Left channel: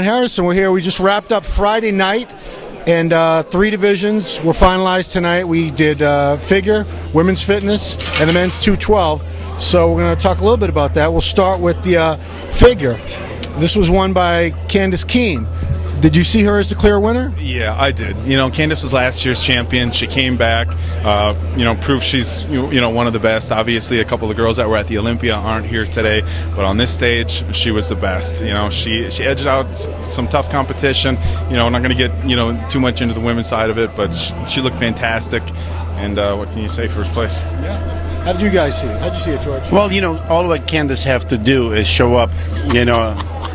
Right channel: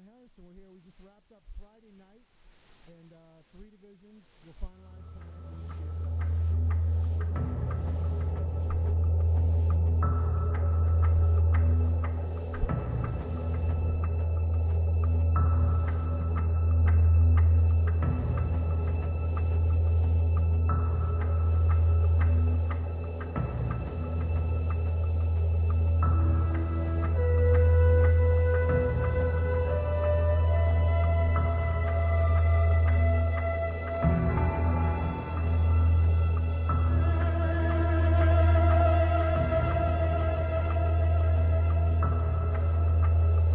Harrison, we're here. We just wrapped up Friday night, and 3 divisions were finalized tonight. We did figure, women's fitness, and the men's 212. So we're going to talk a little bit about that. We'll start with the figure. This was won by Candace Keene. Did you see her as the clear winner? Yeah, I did. Candace was last year's champion. She came back, proved she's one of the best. Obviously, a couple of the girls that were at the Olympia aren't here today, but on this stage, she was the best. She edged out some tough competition. We're not going to get too much into the women's side of it, but she looked fantastic. And what can you say? First place. Yeah. How did you guys see it? How did you see it, George? Well, all what Candace have to do is show up,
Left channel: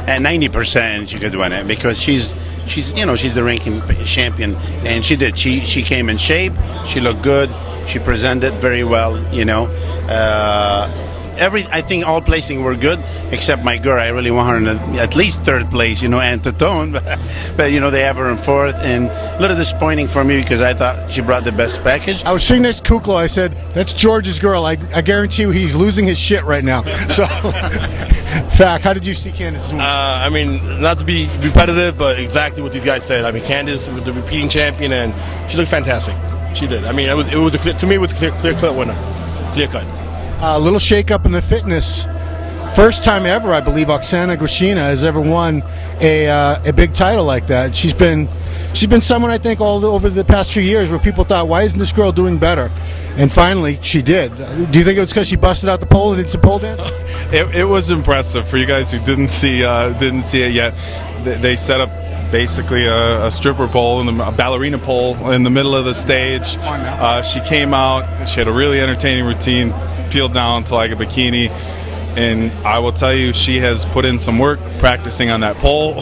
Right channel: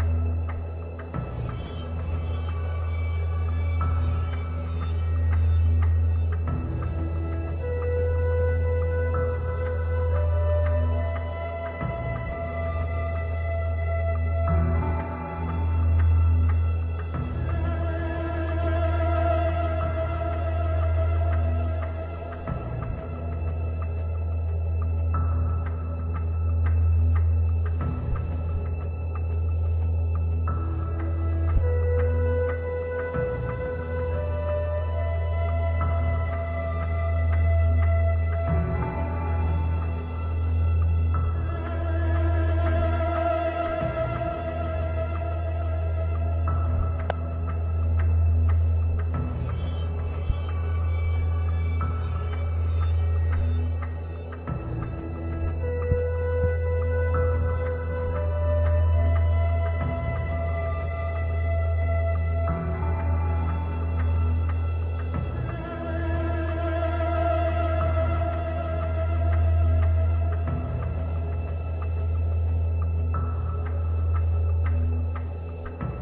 at 90% she could win it, because she's the ranking champion, and she did. She came in shape. She looked good. She presented very well. I think all placing were good except my girl. I really want her in at least third place. And to tone, but they have her in fourth, and a little disappointing for me because I thought she brought the best package. I was sitting next to Kukla. I said, "That's George's girl." I guarantee you, he's losing his shit right now. So, Fact, how did you see Candace? Not to be repetitive, but exactly what these guys said. Candace was the repeating champion, and she looked fantastic. She did. It was a clear cut winner. Clear cut. A little shake-up in the fitness. First time ever, I believe, Oksana Grishina has ever won a big title like that. She's been someone, I think, all over the past few years where people thought, why isn't this girl doing better? And finally, she did. Do you think it was because she busted out the pole and did some pole dance? It was impressive. For you guys who didn't see it yet, they set up basically a stripper pole and a ballerina pole in the middle of the stage. She came out. She had a really entertaining routine, peeled down to like a bikini, and I will tell you, she has put in some work practicing on that pole,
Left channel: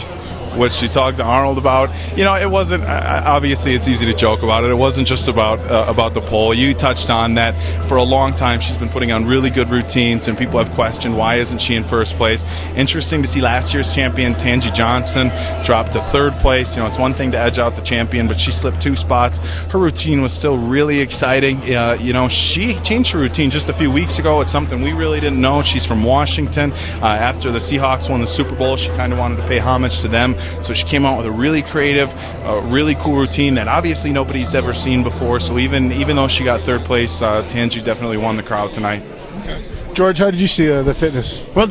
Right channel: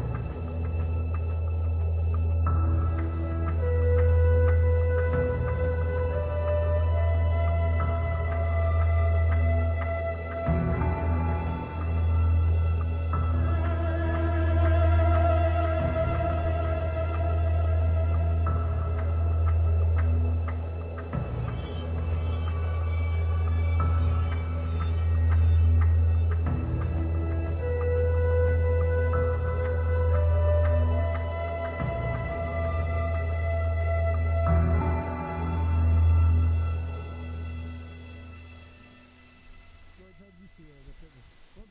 which she talked to Arnold about. It wasn't, obviously it's easy to joke about it. It wasn't just about the pole. You touched on that. For a long time she's been putting on really good routines, and people have questioned why isn't she in first place. Interesting to see last year's champion Tangi Johnson drop to third place. It's one thing to edge out the champion, but she slipped 2 spots. Her routine was still really exciting. She changed her routine just a few weeks ago. It's something we really didn't know. She's from Washington. After the Seahawks won the Super Bowl, she kind of wanted to pay homage to them. So she came out with a really creative, really cool routine that obviously nobody's ever seen before. So even though she got third place, Tangi definitely won the crowd tonight. Okay. George, how did you see the fitness? Well,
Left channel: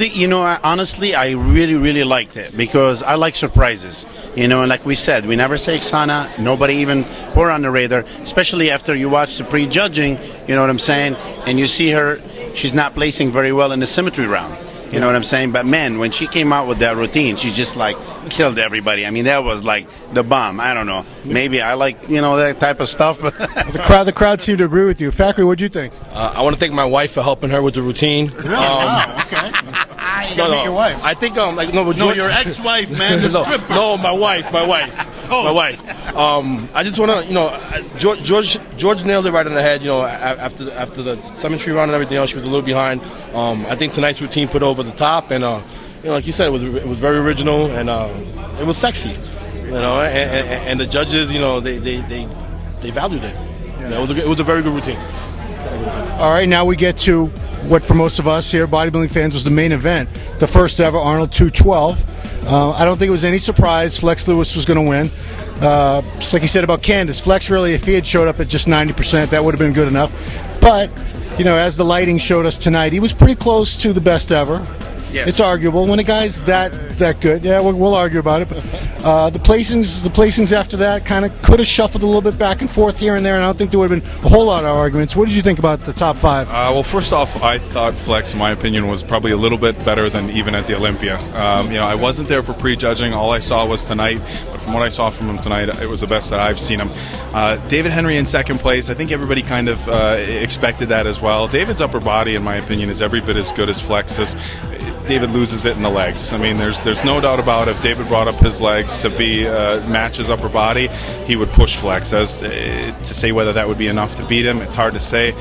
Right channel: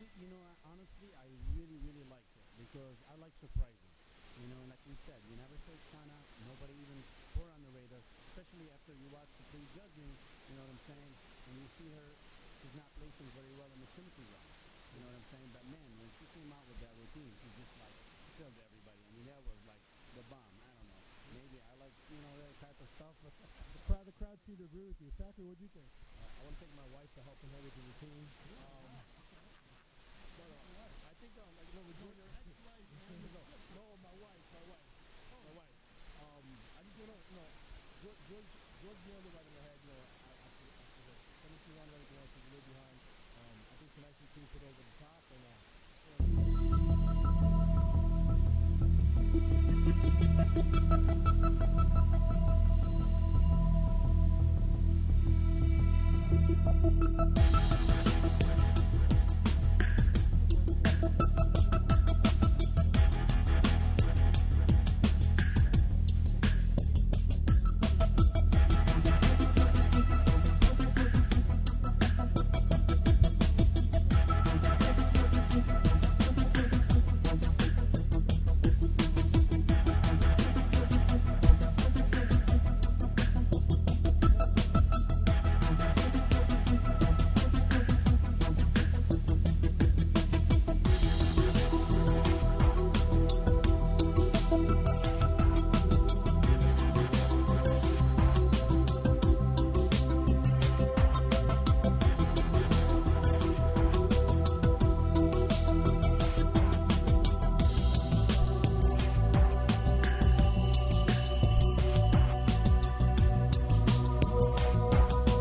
honestly, I really, really liked it because I like surprises. And like we said, we never say Oksana. Nobody even put her on the radar, especially after you watch the pre-judging, you know what I'm saying? And you see her, she's not placing very well in the symmetry round. You know what I'm saying? But man, when she came out with that routine, she just killed everybody. That was like the bomb. I don't know. Maybe I like that type of stuff. But the crowd seemed to agree with you. Factory, what'd you think? I want to thank my wife for helping her with the routine. Really? Okay. No, your wife. I think your ex-wife, man. No, my wife. Oh. My wife. I just want to, George nailed it right on the head. After the symmetry round and everything else, she was a little behind. I think tonight's routine put over the top, and like you said, it was very original, and it was sexy. And the judges, they valued it. It was a very good routine. All right, now we get to what for most of us here, bodybuilding fans, was the main event, the first ever Arnold 212. I don't think it was any surprise Flex Lewis was going to win. Just like he said about Candace, Flex really, if he had showed up at just 90%, that would have been good enough. But, as the lighting showed us tonight, he was pretty close to the best ever. Yes. It's arguable when a guy's that good. Yeah, we'll argue about it. But the placings after that kind of could have shuffled a little bit back and forth here and there, and I don't think there would have been a whole lot of arguments. What did you think about the top 5? Well, first off, I thought Flex, in my opinion, was probably a little bit better than even at the Olympia. I wasn't there for prejudging. All I saw was tonight. But from what I saw from him tonight, it was the best that I've seen him. David Henry in second place. I think everybody kind of expected that as well. David's upper body, in my opinion, is every bit as good as Flex's. David loses it in the legs. There's no doubt about it. If David brought up his legs to be match his upper body, he would push Flex. To say whether that would be enough to beat him, it's hard to say.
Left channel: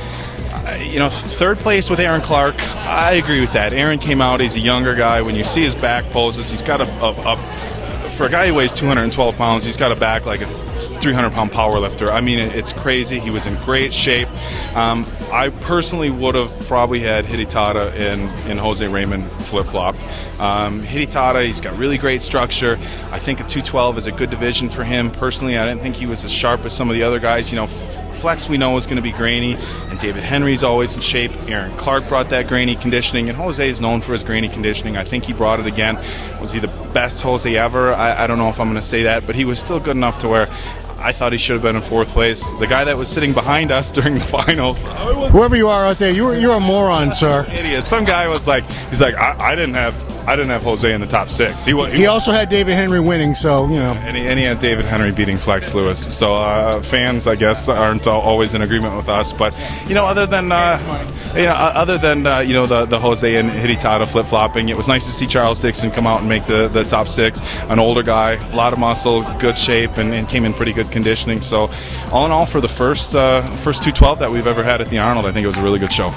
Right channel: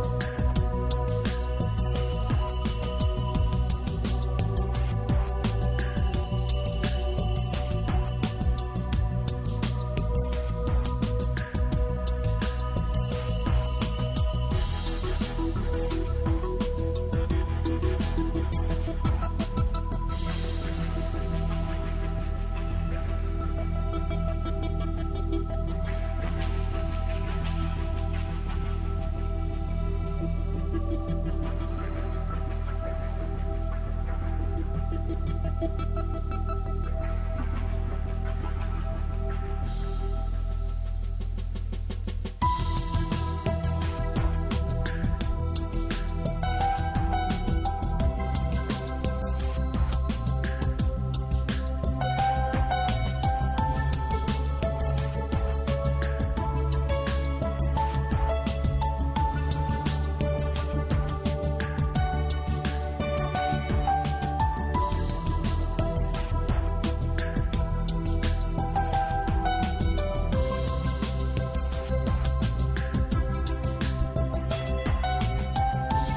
Third place with Aaron Clark, I agree with that. Aaron came out, he's a younger guy. When you see his back poses, he's got for a guy who weighs 212 pounds, he's got a back like a 300-pound power lifter. It's crazy. He was in great shape. I personally would have probably had Hidetada and Jose Raymond flip-flopped. Hidetada, he's got really great structure. I think a 212 is a good division for him. Personally, I didn't think he was as sharp as some of the other guys. You know, Flex we know is going to be grainy, and David Henry's always in shape. Aaron Clark brought that grainy conditioning, and Jose is known for his grainy conditioning. I think he brought it again. Was he the best Jose ever? I don't know if I'm going to say that, but he was still good enough to where I thought he should have been in fourth place. The guy that was sitting behind us during the finals, Whoever you are out there, you're a moron, sir. idiot. Some guy was like, he's like, I didn't have Jose in the top 6. He also had David Henry winning, so you know. And he had David Henry beating Flex Lewis. So fans, I guess, aren't always in agreement with us. But you know, other than the Jose and Hidetada flip flopping, it was nice to see Charles Dixon come out and make the top 6. An older guy, a lot of muscle, good shape, and came in pretty good conditioning. So all in all, for the first 212 that we've ever had at the Arnold, I think it was a really good show.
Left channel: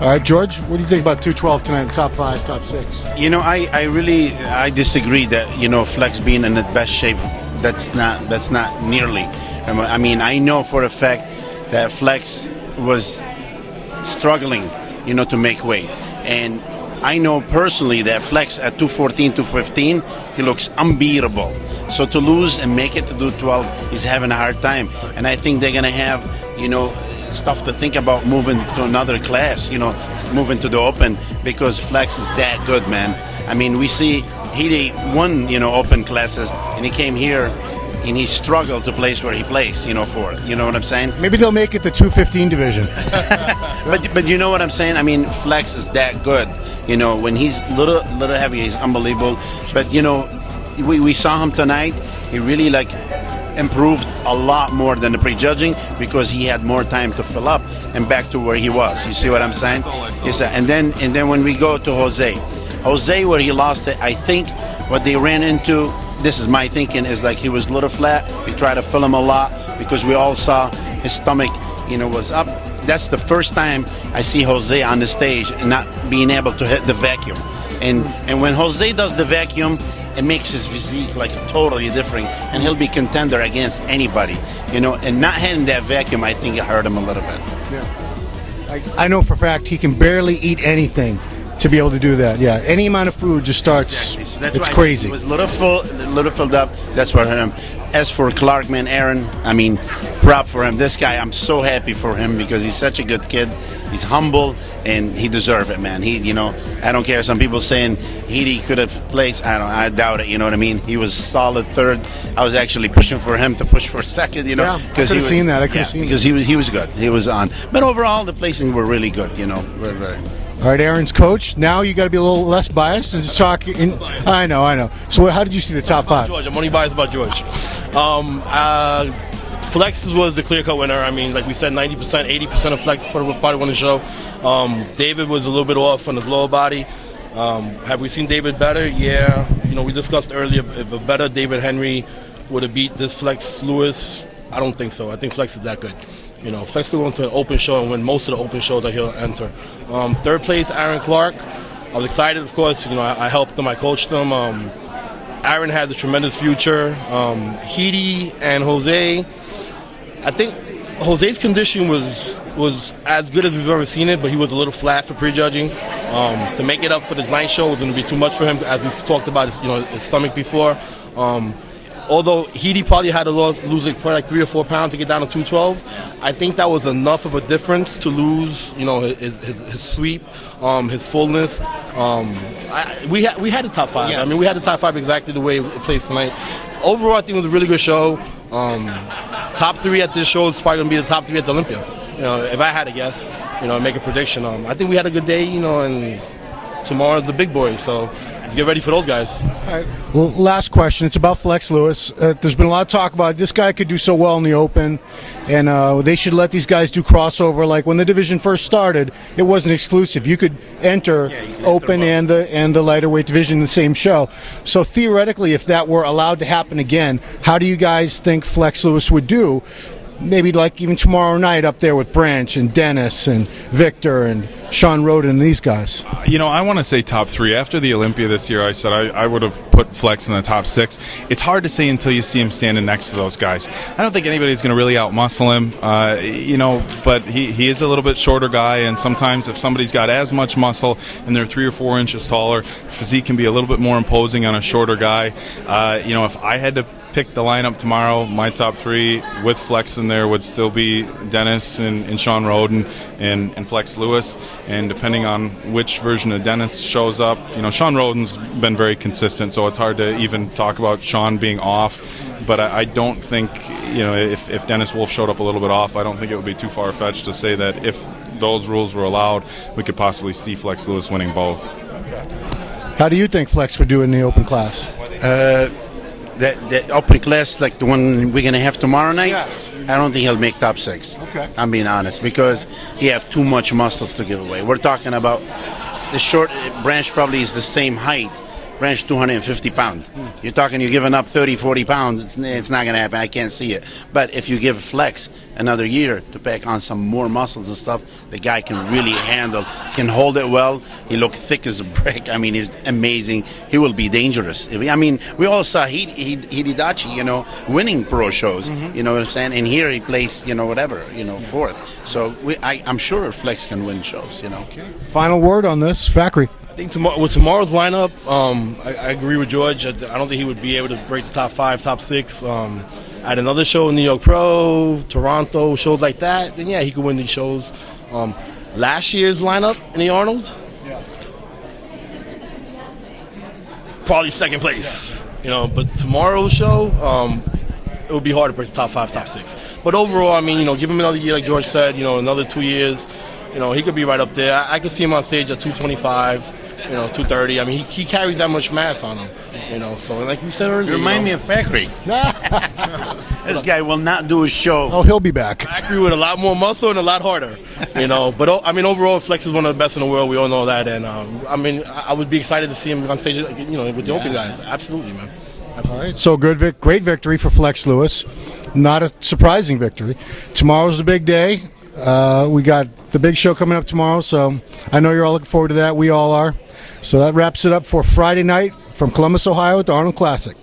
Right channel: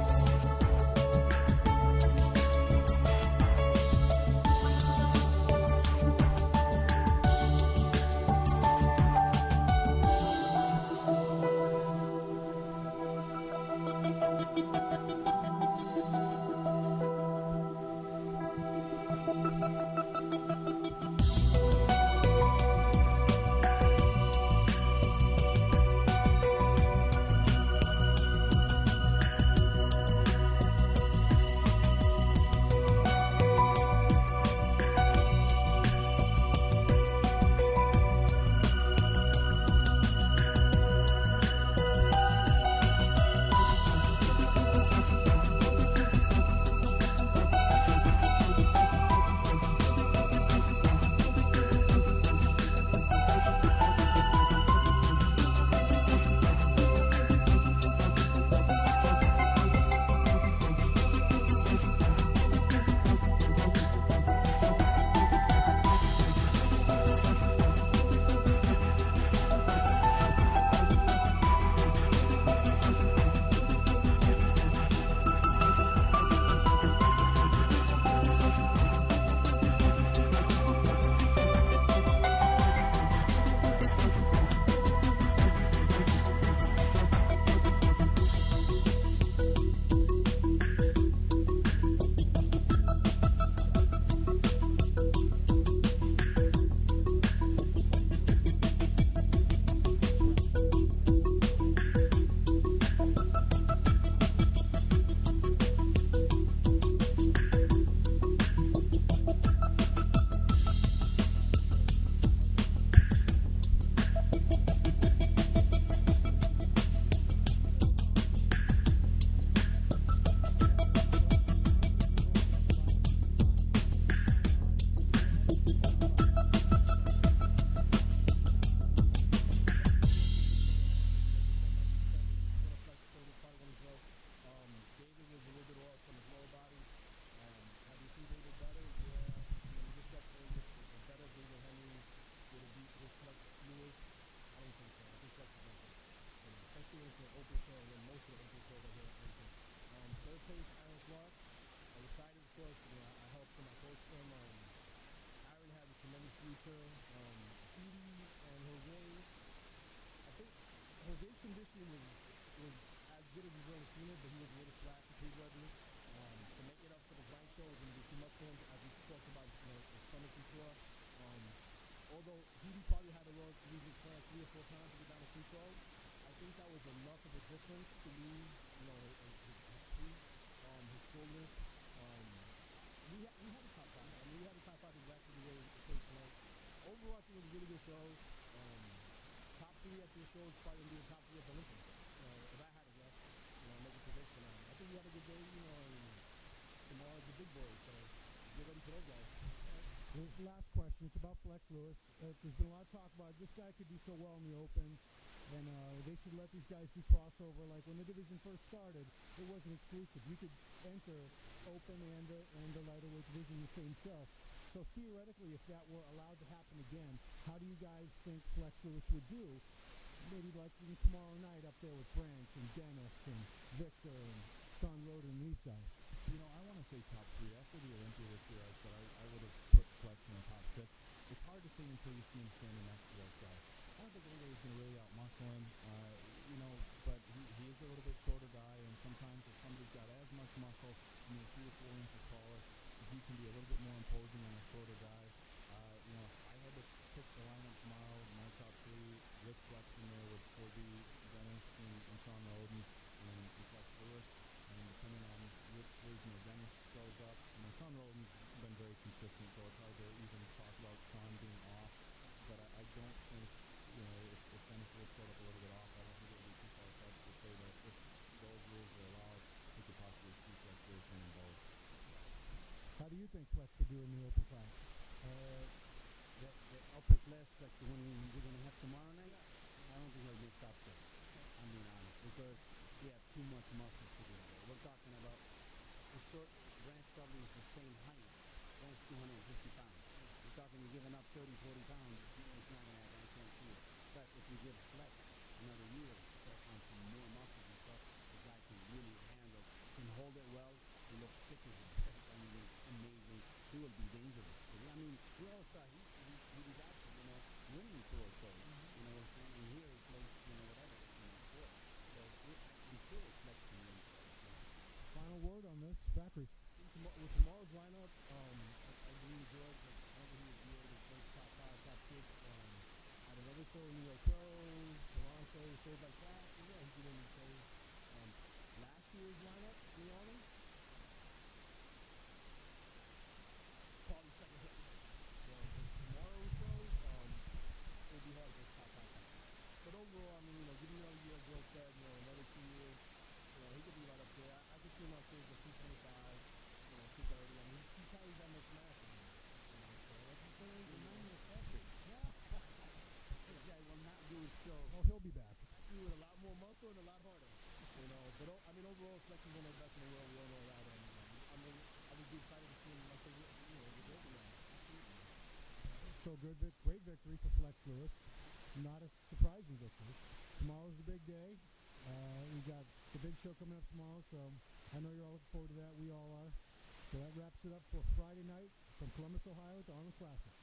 All right, George, what do you think about 212 tonight? Top 5, top 6. You know, I disagree that, you know, Flex being in the best shape. That's not nearly. I mean, I know for a fact that Flex was struggling, you know, to make weight, and I know personally that Flex at 214, 215, he looks unbeatable. So to lose and make it to 212, he's having a hard time, and I think they're gonna have, you know, stuff to think about moving to another class, you know, moving to the open, because Flex is that good, man. I mean, we see he won, you know, open classes, and he came here and he struggled to place where he placed, you know, fourth. You know what I'm saying? Maybe they'll make it the 215 division. But you know what I'm saying? I mean, Flex is that good. You know, when he's little heavy, he's unbelievable. But you know, we saw him tonight. He really like improved a lot more than the prejudging, because he had more time to fill up and back to where he was. You see what I'm saying? Yes, and then when we go to Jose, where he lost it, I think what they ran into, this is my thinking, is like he was a little flat. We tried to fill him a lot because we all saw his stomach, you know, was up. That's the first time I see Jose on the stage and not being able to hit the vacuum. And when Jose does the vacuum, it makes his physique like totally different, and he'll be contender against anybody, you know. And not hitting that vacuum, I think it hurt him a little bit. Yeah. I know for a fact he can barely eat anything to be able to do that. Yeah, any amount of food just starts. Exactly. So that's it's why crazy. It was a little filled up. That's what hurt him. As for Clark, man, Aaron, I mean, prop for him. This guy, I'm so happy for him because he's such a good kid. He's humble, and he deserves it, man. He, you know, I don't care. Some people saying he could have placed. I doubt it. You know what I mean? He was solid third. I was actually pushing for him to push for second. You know, yeah, I could have seen that. I could have seen because he was good. He was on. But overall, the placings were really good. You know, very. All right, Aaron's coach. Now you got to be a little less biased and just talk. I know. So how did you see the top 5? George, I'm only biased about George. Flex was the clear-cut winner. I mean, like we said, 90%, 80% of Flex probably won the show. David was a little bit off on his lower body. Have we seen David better? Yeah. You know, we discussed earlier if a better David Henry would have beat this Flex Lewis. I don't think so. I think Flex is that good. You know, Flex could go into an open show and win most of the open shows that he'll enter. Third place, Aaron Clark. I was excited, of course. You know, I helped him. I coached him. Aaron has a tremendous future. Hede and Jose. I think Jose's condition was as good as we've ever seen it, but he was a little flat for prejudging. To make it up for this night show was going to be too much for him, as we've talked about his stomach before. Although Hede probably had to lose like 3 or 4 pounds to get down to 212, I think that was enough of a difference to lose, you know, his sweep, his fullness. We had the top 5. Yes. I mean, we had the top 5 exactly the way it plays tonight. Overall, I think it was a really good show. Top 3 at this show is probably going to be the top 3 at the Olympia. You know, if I had to guess, you know, make a prediction. I think we had a good day, you know, and tomorrow's the big boys. So let's get ready for those guys. All right. Well, last question. It's about Flex Lewis. There's been a lot of talk about this guy could do so well in the open, and they should let these guys do crossover. Like when the division first started, it wasn't exclusive. You could enter open and the lighter weight division in the same show. So theoretically, if that were allowed to happen again, how do you guys think Flex Lewis would do maybe like even tomorrow night up there with Branch and Dennis and Victor and Sean Roden and these guys? You know, I want to say top 3. After the Olympia this year, I said I would have put Flex in the top 6. It's hard to say until you see him standing next to those guys. I don't think anybody's going to really outmuscle him, you know, but he is a little bit shorter guy, and sometimes if somebody's got as much muscle and they're 3 or 4 inches taller, physique can be a little bit more imposing on a shorter guy. You know, if I had to pick the lineup tomorrow, my top 3 with Flex in there would still be Dennis and Sean Roden and Flex Lewis. And depending on which version of Dennis shows up, you know, Sean Roden's been very consistent, so it's hard to even talk about Sean being off. But I don't think, you know, if Dennis Wolf showed up a little bit off, I don't think it would be too far-fetched to say that if those rules were allowed, we could possibly see Flex Lewis winning both. How do you think Flex would do in the open class? That open class, like the one we're going to have tomorrow night, Yes. I don't think he'll make top 6. Okay. I'm being honest, because he have too much muscles to give away. We're talking about the short Branch probably is the same height. Branch 250 pounds. You're talking you're giving up 30, 40 pounds. It's not going to happen. I can't see it. But if you give Flex another year to pack on some more muscles and stuff, the guy can really handle, can hold it well. He looks thick as a brick. I mean, he's amazing. He will be dangerous. I mean, we all saw Hidedachi, you know, winning pro shows. You know what I'm saying? And here he plays, you know, whatever, you know, 4th. So I'm sure Flex can win shows, you know. Final word on this, Fackery. I think with tomorrow's lineup, I agree with George. I don't think he would be able to break the top 5, top 6. At another show, New York Pro, Toronto, shows like that, then yeah, he could win these shows. Last year's lineup in the Arnold, probably 2nd place. You know, but tomorrow's show, it would be hard to break the top 5, top 6. But overall, I mean, you know, give him another year, like George said. You know, another 2 years. You know, he could be right up there. I could see him on stage at 225, you know, 230. I mean, he carries that much mass on him, you know. So, like we said earlier, You remind me of Fackery. This guy will not do a show. Oh, he'll be back. Fackery with a lot more muscle and a lot harder, you know. But I mean, overall, Flex is one of the best in the world. We all know that, and I mean, I would be excited to see him on stage, you know, with the open guys. Absolutely, man. Absolutely. All right, so great victory for Flex Lewis. Not a surprising victory. Tomorrow's the big day. We got the big show coming up tomorrow, so I know you're all looking forward to that. We all are. So that wraps it up for Friday night from Columbus, Ohio at the Arnold Classic.